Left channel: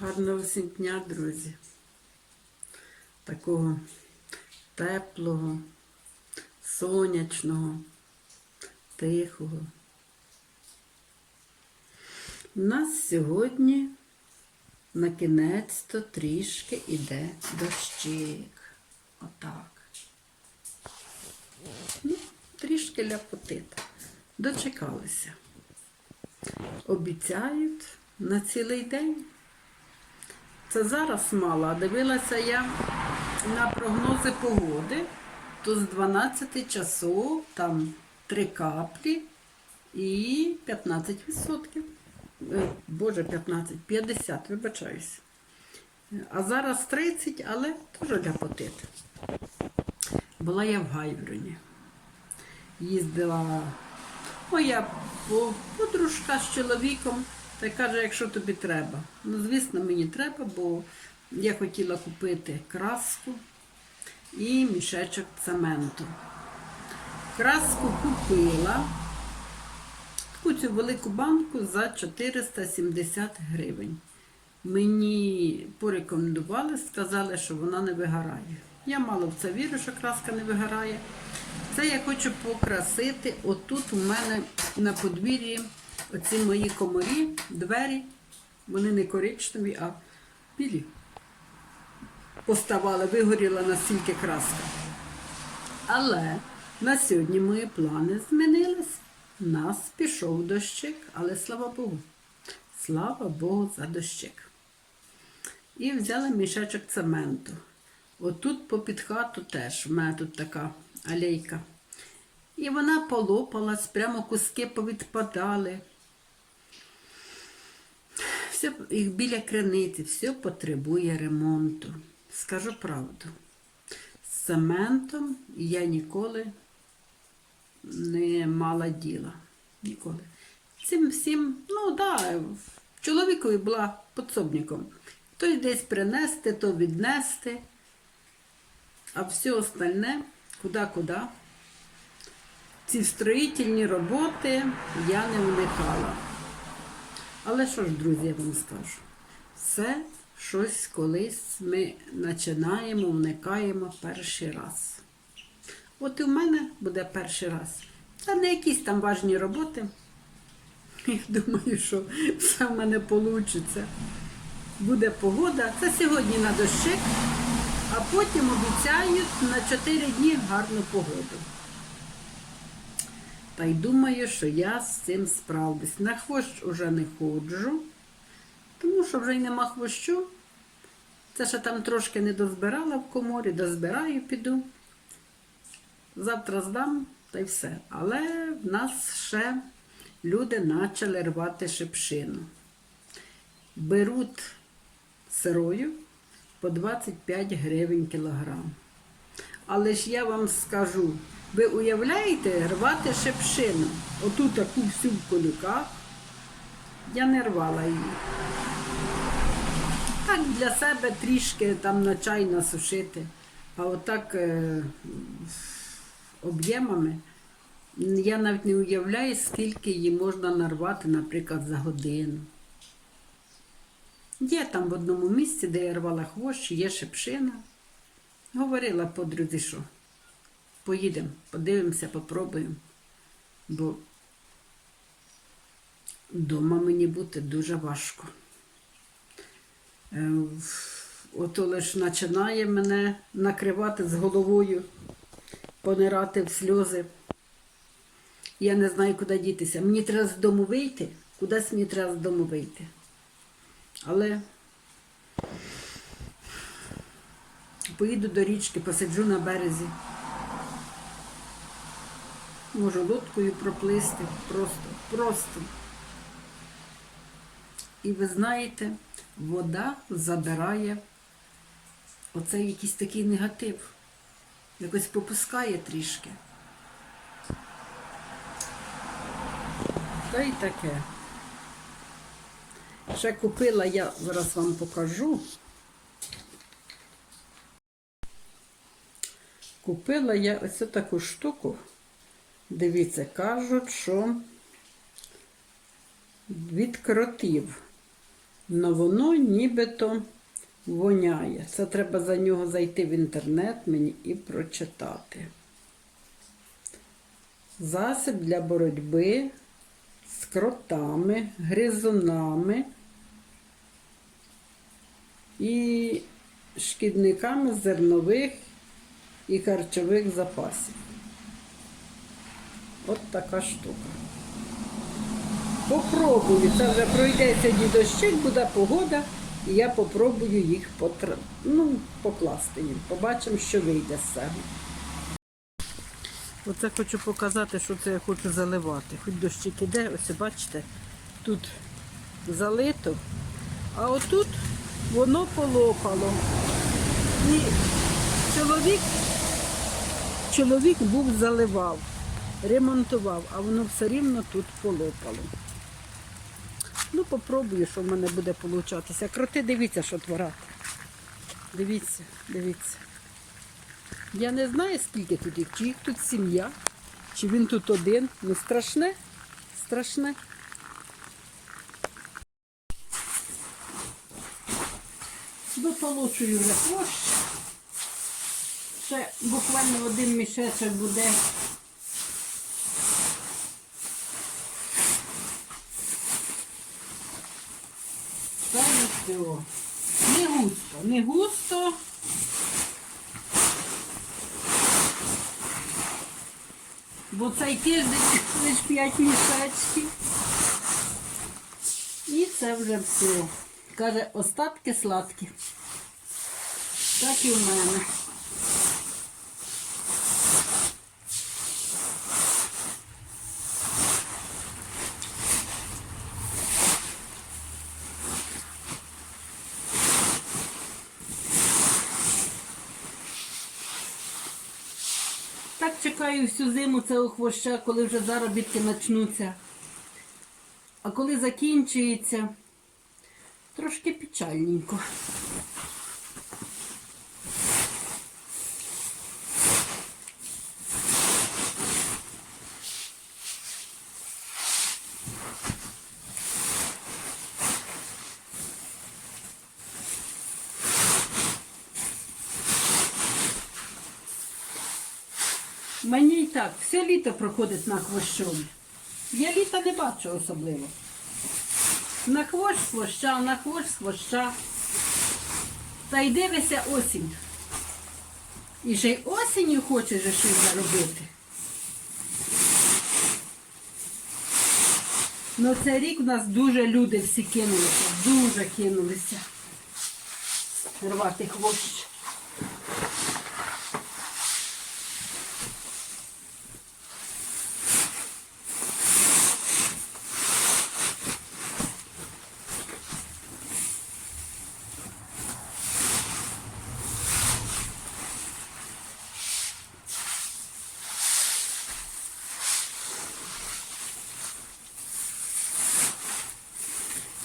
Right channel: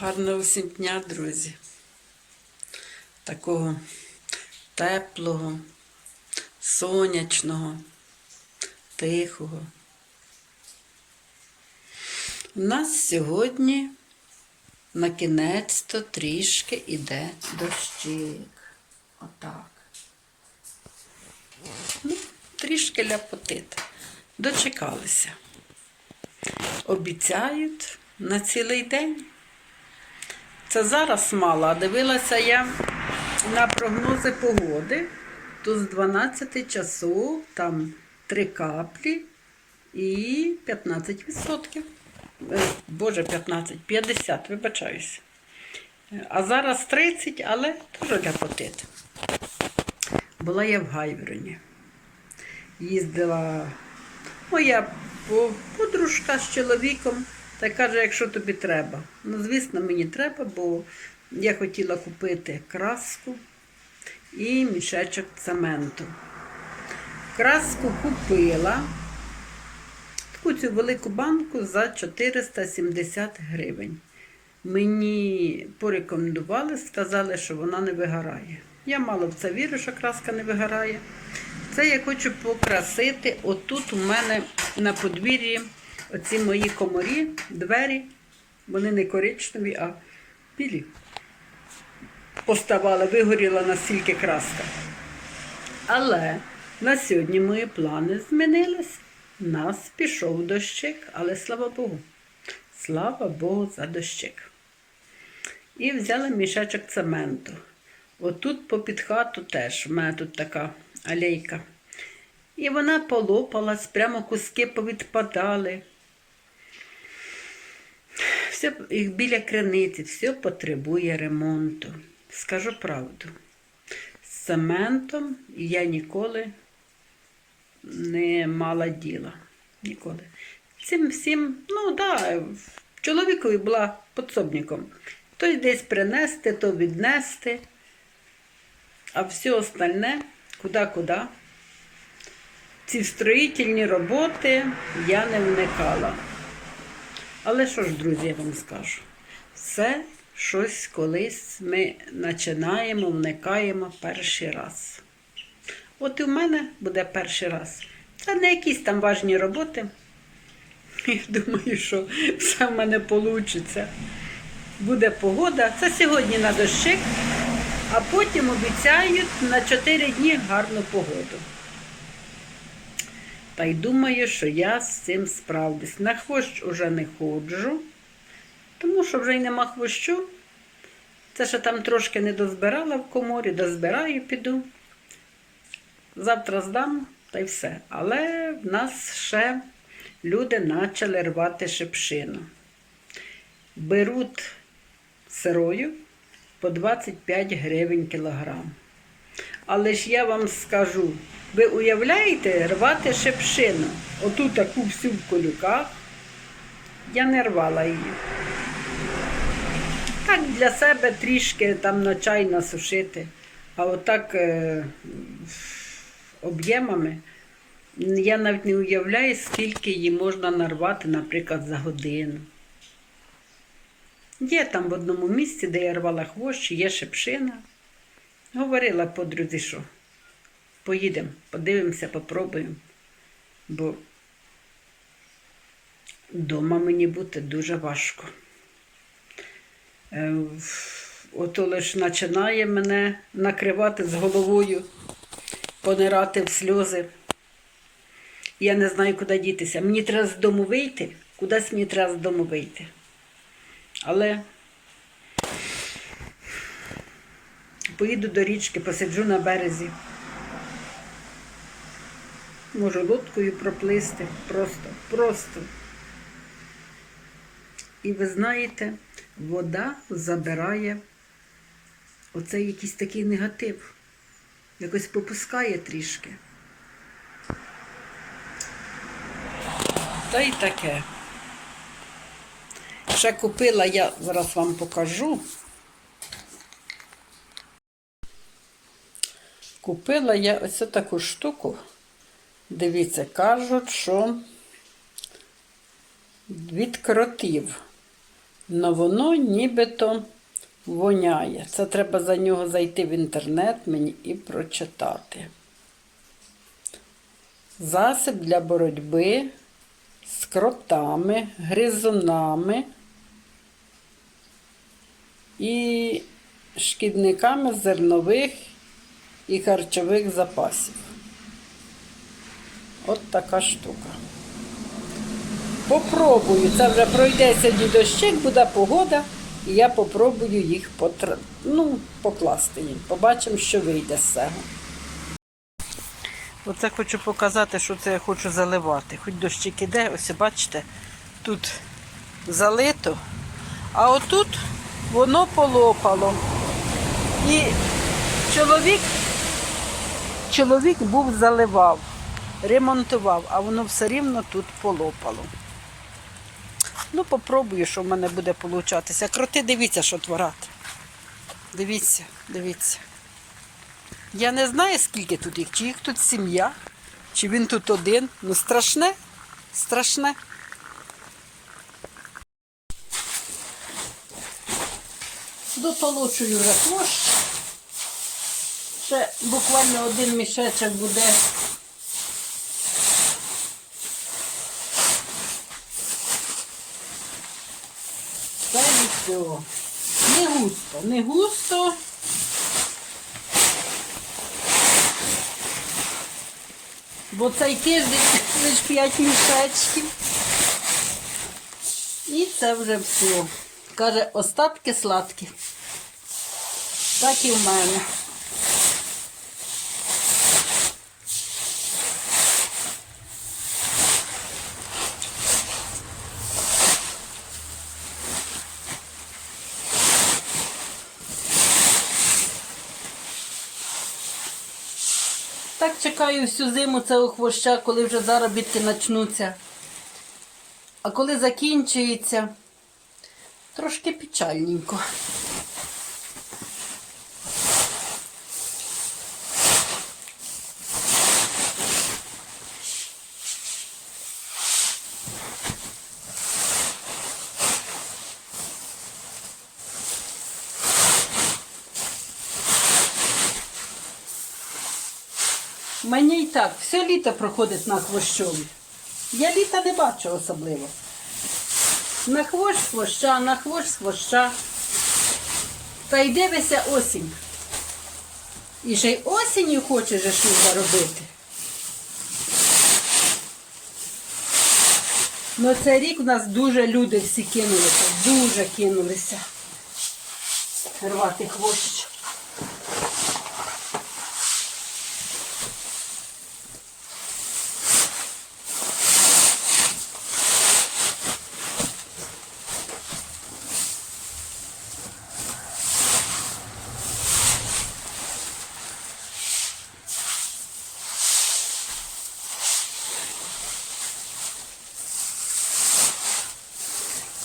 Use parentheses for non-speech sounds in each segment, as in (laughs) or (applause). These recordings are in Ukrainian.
Гарного всім дня, друзі. Такого теплого, сонячного, тихого. У нас сьогодні на кінець-то трішки іде дощик. Отак. Ну, трішки ляпотить. Дочекалися. Обіцяють на цілий день. Це зараз мало. А Дивилася я на прогнози погоди, то з 12 часу там 3 каплі і 15%. Е, Боже, 15, 50, вибачаюся. Е, А зараз 30, але теж ляпотит. Була я в Гайвроні. Їздила моя подружка з чоловіком та каже, якщо тобі треба. Ну, звісно, мені треба, бо я хотіла купити краску і мішечок цементу. Краску купила таку цю велику банку за 470 гривень. Мені порекомендували, сказали, що вона не вигорає. Я мало в це вірю, що краска не вигорає. Це я хочу покрасити. Отут у мене на подвір'ї оці мої комарі, двері, вони не коричневі, а білі. Поставали, вигоріла настільки краска. Але на сьогодні мої плани змінилися. У нас пішов дощик, але слава Богу. Слава Богу за дощик. І взяла мішечок цементу. Отут попід хату теж, в мене тут така алейка. І вона полопалась, прямо куски повідпадали. Все, біля криниці, все потребує ремонту. Скажу правду. З цементом я ніколи не мала діла. Ніколи. Цим всім, ну да, чоловікові була підсобником. То десь принести, то віднести. А все остальне куди-куди. Ці строїтельні роботи я не вникала. Але що ж, друзі, я вам скажу? Все щось колись ми починаємо, вникаємо перший раз. От і в мене буде перший раз. Це не якісь там важні роботи. Я думаю, що все в мене вийде. Буде погода. Це сьогодні на дощик, а потім обіцяють на 4 дні гарну погоду. Та й думаю, що я з цим справлюсь. На хвощ уже не ходжу, тому що вже й нема хвощу. Це ще там трошки не дозбирала в коморі, дозбираю, піду. Завтра здам та й все. Але в нас ще люди почали рвати шипшину. Беруть сирою по 25 гривень кілограм. Але ж я вам скажу, ви уявляєте рвати шипшину? Оту таку всю в колюках. Я не рвала її. Так для себе трішки там на чай насушити. А отак е, об'ємами я навіть не уявляю, скільки її можна нарвати, наприклад, за годину. Є там в одному місці, де я рвала хвощі, є шипшина. Говорила подрузі, що поїдемо, подивимося, попробуємо. Бо вдома мені бути дуже важко. Е, Ото лише починає мене накривати з головою, понирати в сльози. Я не знаю, куди дітися. Мені треба з дому вийти, кудись мені треба з дому вийти. Але поїду до річки, посиджу на березі. Можу лодкою проплисти. Просто, просто. І ви знаєте, вода забирає оцей якийсь такий негатив. Якось попускає трішки. Та й таке. Ще купила я, зараз вам покажу. Купила я ось таку штуку. Дивіться, кажуть, що від кротів. Но воно нібито воняє. Це треба за нього зайти в інтернет мені і прочитати. Засіб для боротьби з кротами, гризунами і шкідниками зернових і харчових запасів. От така штука. Попробую. Це вже пройдеться дідощик, буде погода, і я попробую їх потр... ну, покласти їм. Побачимо, що вийде з цього. Оце хочу показати, що це я хочу заливати. Хоч дощик іде, ось бачите, тут залито, а отут воно полопало. І чоловік, чоловік був заливав, ремонтував, а воно все рівно тут полопало. Ну, попробую, що в мене буде получатися. Кроти, дивіться, що творати. Дивіться, дивіться. Я не знаю, скільки тут їх, чи їх тут сім'я, чи він тут один. Ну страшне, страшне. Дотолочую вже хвощ. Ще буквально один мішечок буде. Це і. Не густо, не густо. Бо цей тиждень (laughs) лише 5 мішечків. І це вже все. Каже, остатки сладкі. Так і в мене. Так чекаю всю зиму цього хвоща, коли вже заробітки почнуться. А коли закінчується, трошки печальненько. Мені і так, все літо проходить на хвощові. Я літа не бачу особливо. На хвощ хвоща, на хвощ хвоща. Та й дивися осінь. І ще й осінню хочеш же щось заробити. Ну цей рік у нас дуже люди всі кинулися, дуже кинулися. Рвати хвощ.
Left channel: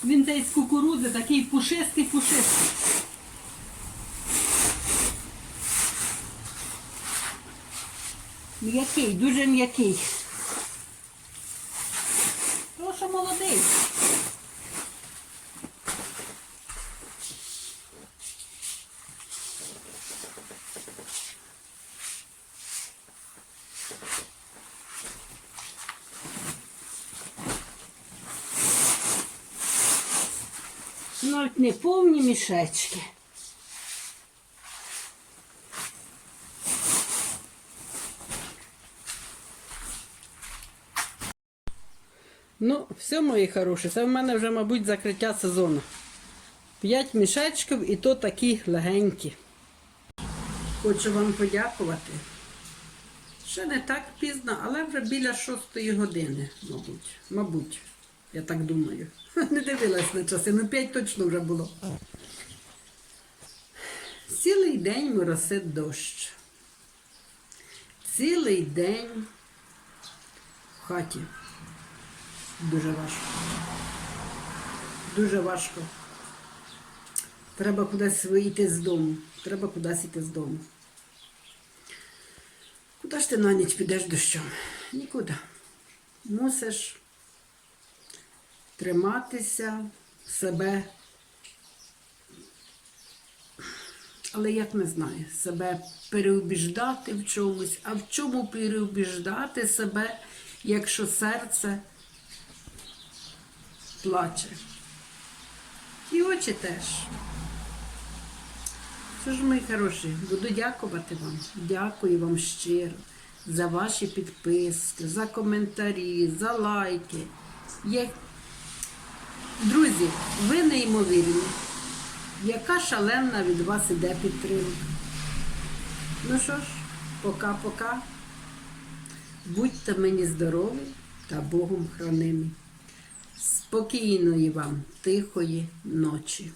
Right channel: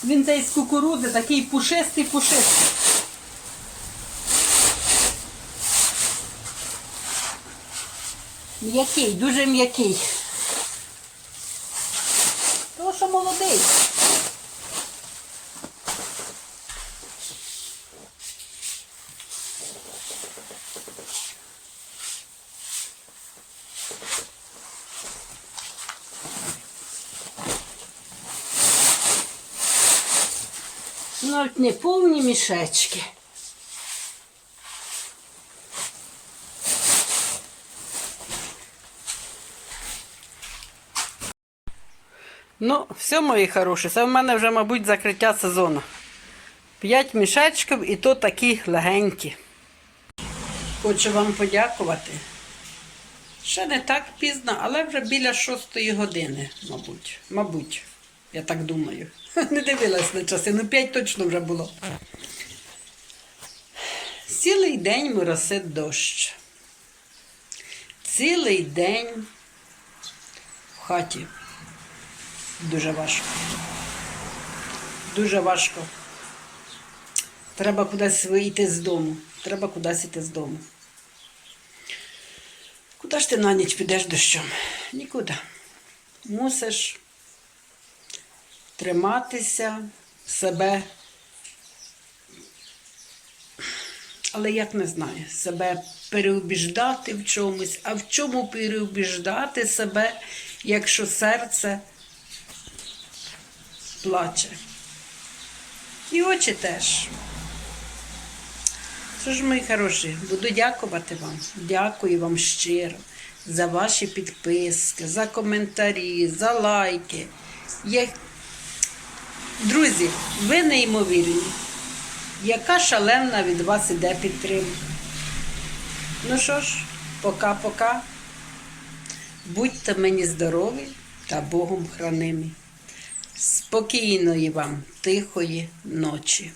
Він цей з кукурудзи такий пушистий, пушистий. М'який, дуже м'який. Тому що молодий. Навіть не повні мішечки. Ну, все, мої хороші, це в мене вже, мабуть, закриття сезону. П'ять мішечків і то такі легенькі. Хочу вам подякувати. Ще не так пізно, але вже біля шостої години, мабуть. Мабуть, я так думаю. (laughs) Не дивилась на часи, ну п'ять точно вже було. Цілий день моросить дощ. Цілий день в хаті. Дуже важко. Дуже важко. Треба кудись вийти з дому. Треба кудись йти з дому. Куди ж ти на ніч підеш дощом? Нікуди. Мусиш триматися себе, але як не знаю, себе переубіждати в чомусь, а в чому переубіждати себе, якщо серце плаче. І очі теж. Що ж, мої хороші, буду дякувати вам. Дякую вам щиро за ваші підписки, за коментарі, за лайки. Друзі, ви неймовірні. Яка шалена від вас іде підтримка. Ну що ж, пока-пока. Будьте мені здорові та Богом хранимі. Спокійної вам, тихої ночі.